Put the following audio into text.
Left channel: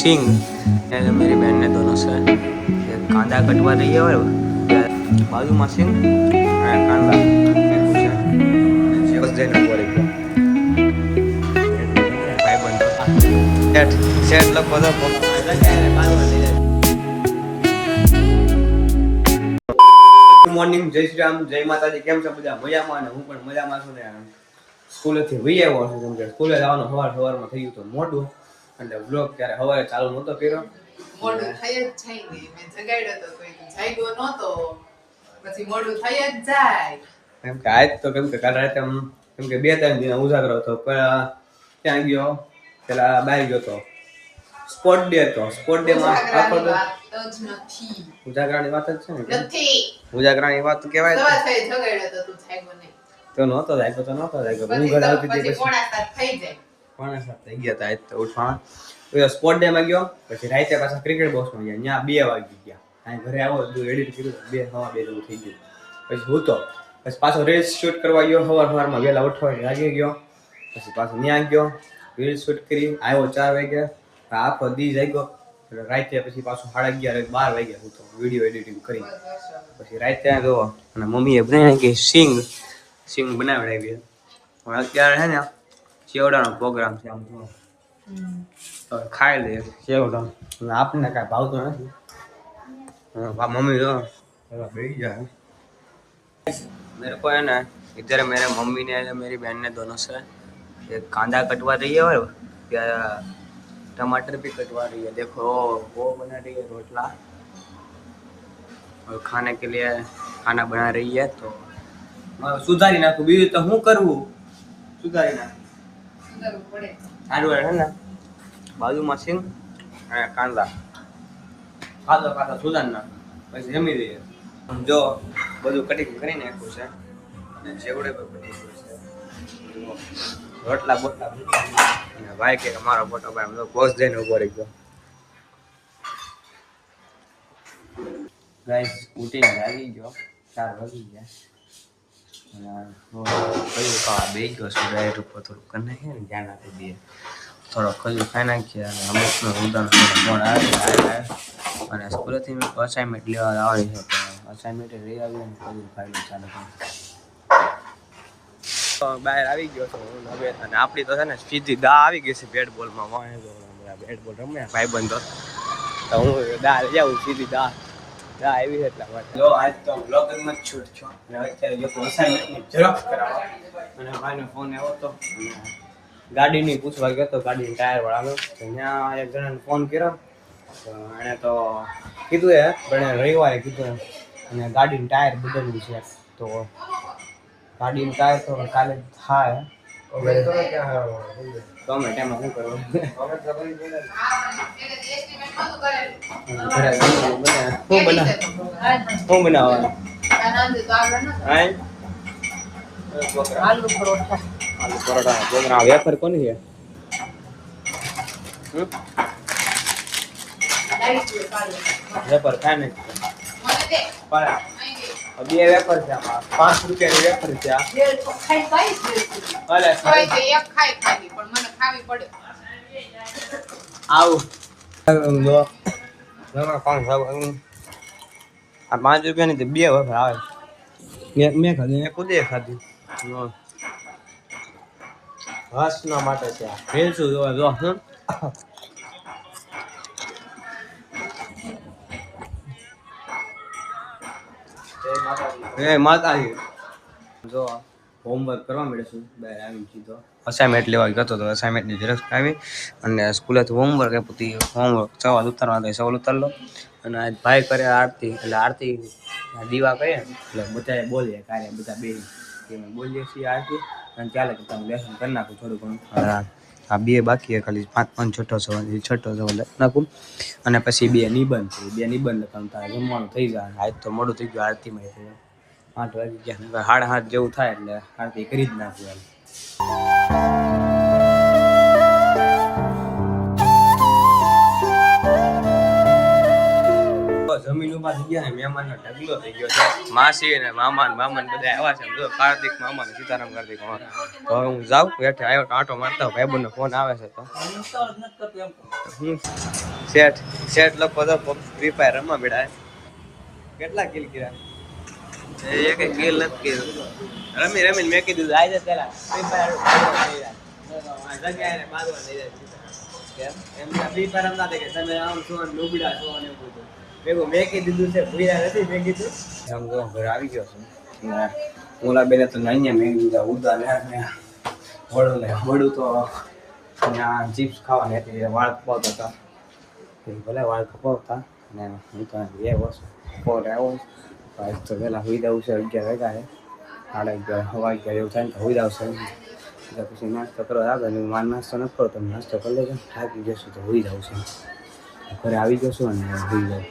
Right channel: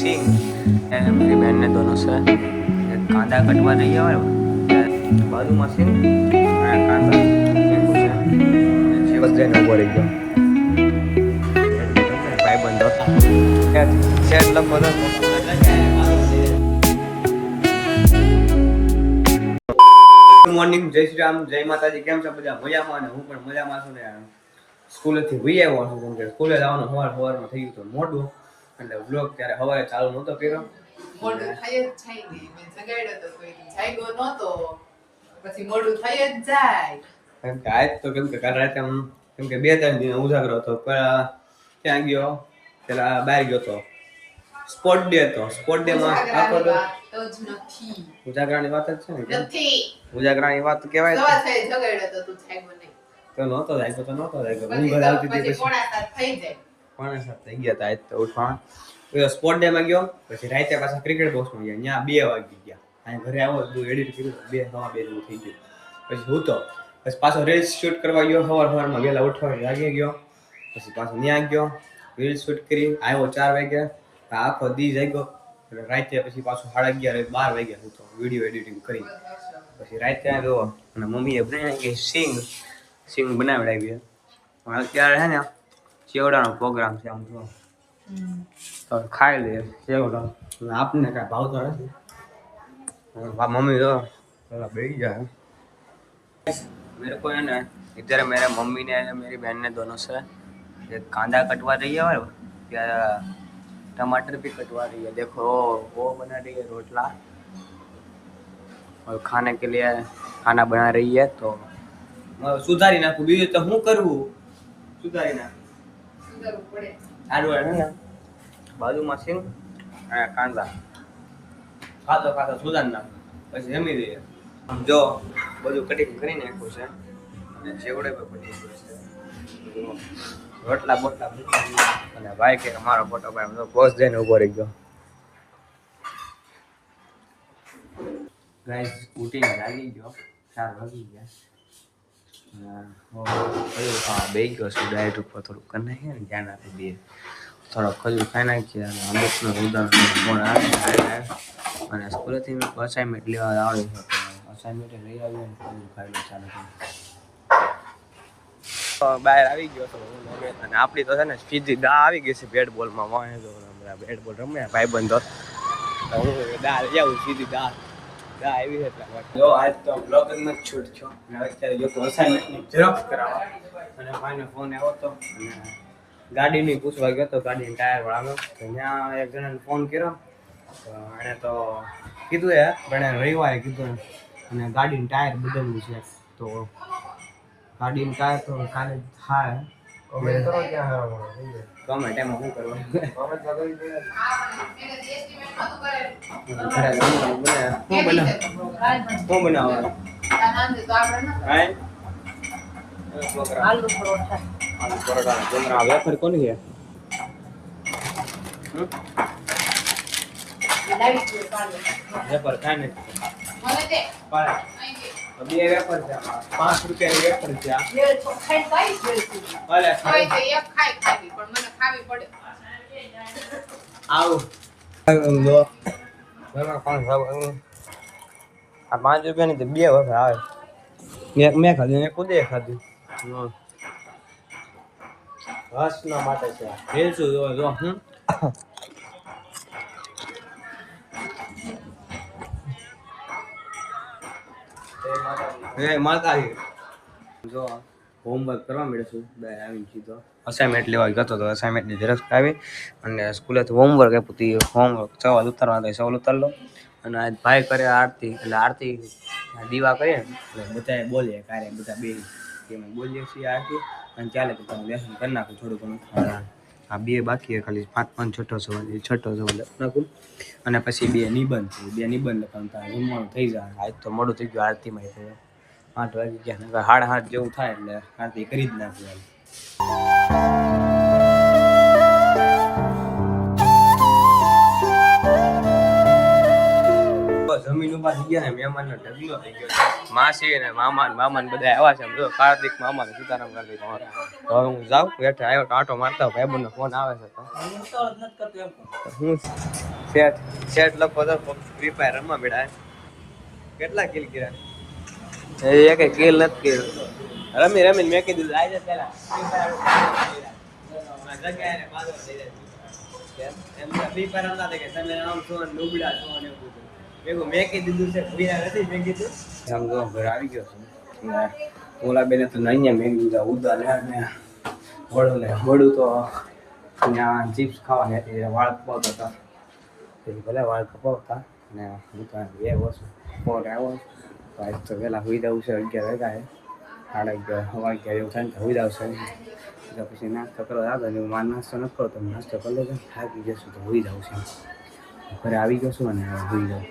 सिंह मेरी बहन ने दोनों से कांदा कटवा रही है और बाजू में सिंह कांदा बस जैन बोल भाई बंदो सेट सेट लग बता મોર્નિંગ જય શ્રી રામ જય માતાજી કેમ છો બધા મજામાં અને હું પણ મજામાં છું ને સ્કૂલેથી વહી આવ્યો છું કેમ કે સ્કૂલે જવાનું સવારમાં થઈ ગયું તો મોડું એટલે વ્લોગ ત્યારે સવારે ચાલુ નહોતો કર્યો મોડું થઈ જ જાય ને મેં જગાડ્યો તો કોઈ જાગ્યો નહોતો પછી મોડું થઈ જ જાય કેમ કે આજ તો કેમ કે કાલ રાતે કેમ કે 2-3 દિન ઉજાગરો હતો ત્યાં ગયો પેલા બહાર ગયો તો સ્પોર્ટ ડે હતો સ્પોર્ટ ડે માં આખો તો ઉજાગરાની વાત જ છે ને નથી ઉજાગરાની વાત કહેવાય સવા થઈ જગાડ્યો તો તું જાગ્યો નહીં તો નહોતો જાય તો નહોતો જાય હું ઘર આવતી હતી પછી પોણા 7 થઈ જાય પોણા 7 થઈ ગયા હતા આજ તો ઉઠવા સ્પોર્ટ ડે માં ગયો પછી રાતે પાછા ક્રિકેટ બોક્સમાં ગયા ત્યાં 2 વાગી ગયા અહીં ઘરે આવો બધું એડિટ કર્યું 2 જેવું થઈ ગયું પછી હું તો પછી પાછો રીલ્સ શૂટ કરવા ગયો સવારમાં વહેલા ઉઠવા લાગી ગયો પછી પાછો ત્યાં ગયો રીલ્સ શૂટ કરી આવ્યો 4 વાગ્યા આખો દી જાગ્યો રાતે પછી પાછું 11:30 12 વાગ્યા હું તો વિડીયો એડિટિંગ કરી પછી રાતે જો અને મમ્મીએ બનાવી કે સિંગ બનાવડાવી હવે અત્યારે છે ને ચેવડાનો પ્રોગ્રામ છે આમ તો ખાઈ લે ચેવડા આપને કાંઈ ભાવતો નથી मम्मी तो बैठ जाए मेरे को है ना इधर मेरे मम्मी ने मेरी बहन ने दोनों से एक कांदा कटवा रही है और टमाटर भी कटवा रही है देखो वो बना रही है रोटला और खाने के लिए खाना बना रही है तो सुधारी नाखू बीजू तो हूँ करવું सुधारी नाखू પડે સારું है ना बाजू में सिंग कांदा ખાતો સુધારી નાખ પછી જમી દઈએ જો બધું કટિંગ કરી નાખ્યું છે અને ચેવડે પણ બની ગયું છે રોટલા બોટલા અને ભાઈ કે અમારો ફોટો ભાઈ તો પોસ્ટ જઈને ઉભો રહી ગયો ગાઈસ ઉઠીને જાગી ગયો 4 વાગી ગયા અને બે ગયો છું ડાયટ ઉપર થોડું કરી નાખીએ ને ધ્યાન આપી દઈએ થોડો ખજૂર ખાઈ નાખીએ અને અમૃતનો ઉદાહરણ પણ આવે અને સ્કૂલેથી મેં અસાઇનમેન્ટ લેવા આવી છે તો અસાઇનમેન્ટ લઈ આવી અને ખજૂર ખાઈ ચાલુ બહાર આવી ગયો તો હું અને આપણી તો છે ને સીધી દા આવી ગઈ છે બેટ બોલમાં વાંહે તો બેટ બોલ રમ્યા ભાઈબંધો તો હું દા લઈ આવું સીધી દા આવી છે એટલા માટે જો આજ તો બ્લોગિંગમાં જ છૂટ છો અને અત્યારે લોકો અસાઇનમેન્ટની ઝેરોક્ષ કરાવવા અને ભાઈનો ફોન આવ્યો હતો ગાડીની પૂછવા ગયો તો ગાડીની ટાયર વાળાનો ત્યાં એક જણાને ફોન કર્યો તો એણે તો કીધું પણ રવિવારે કીધું અને ગાડીનું ટાયર બદલવું છે તો ગાડીનું ટાયર તો કાલે થાય ગમે ટાઈમમાં શું કરવું શું બનાવવાનું આલુ પરોઠા જોગરા વેફર કોની છે વેફર ખાય ને બે વેફર છે આમાં 5 રૂપિયાની વેફર છે આવું આ 5 રૂપિયાની તો બે વેફર આવે એક મેં ખાધી એક ખુદે ખાધી હસના માટે છે રેલસું જોવા જો હે માતાજી જો હોમવર્ક કરવા મળ્યું બહાર આવી સીધો અસાઇનમેન્ટ લેવા ગયો તો અસાઇનમેન્ટની ઝેરોક્ષ આવી અને સ્કૂલેથી હોમવર્ક આપ્યું હતું હોમવર્ક સવાલ ઉતારવા હતા સવાલ ઉતાર લો અને આજ ભાઈ કરે આરતી એટલે આરતી દીવા કરીએ ને એટલે બધાએ બોલીએ કાર્ય બધા બે અમે બોલીએ છીએ આરતી અને ચાલે કે હું લેસન કરી નાખું થોડું ઘણું આ બે બાકી ખાલી 5 છઠ્ઠો સવાલ નાખું અને પછી બે નિબંધ લખવાનું થાય જમવાનું થઈ જાય આજ તો મોડું થઈ ગયું આરતીમાં 8 વાગી ગયા 7:30 જેવું થાય એટલે આરતી કરી જ નાખું જમીન ઉભા થઈ ગયા ને મહેમાનનો ઢગલો થઈ ગયો છે. માસી ને મામા ને બધા આવ્યા છે. જો કાર્તિક મામા ને સીતારામ કાર્તિક મામા. તો હવે હું જાઉં હેઠે આવ્યો આંટો મારતા ભાઈબંધ નો ફોન આવે છે. તો હું શેઠ લખો તો ફ્રી ફાયર રમવા બેઠા. કેટલા કિલ કર્યા? એક કિલ નથી કર્યું. રમીને મેં કીધું આવી જાય પેલા ફ્રી ફાયર જગ્યાએ મારવા લઈ જાય. એમને ફ્રી ફાયર રમતા કે તમે આમ છો ને લુગડા છો ને એવું બધું ભેગું મેં કીધું છે. ભૂયા નથી મેં કીધું સમજો ઘર આવી ગયો છું. ઓલા બેને તો અહીંયા મેં કીધું ઉદા ને વડું તો ત્યાં ચિપ્સ ખાવાની હતી. વાળ કપાવતા હતા ભલે વાળ કપાવતા ને હું તો એ વસ્તુ કપાવટ આવ્યો. આજ તો વહેલા હોઈ જવું છે. 11 વાગ્યા છે. 11:30 જેવું થાય ને હોઈ જવું છે. પછી નાસ્તો કરવા આગળ માર નાસ્તો નથી કરો. તમે નાસ્તો કરી લેજો. થાકી જશું તો હોઈ જવું છે. ઘરે આવી ગયો છું અને હોઈ જાઉં.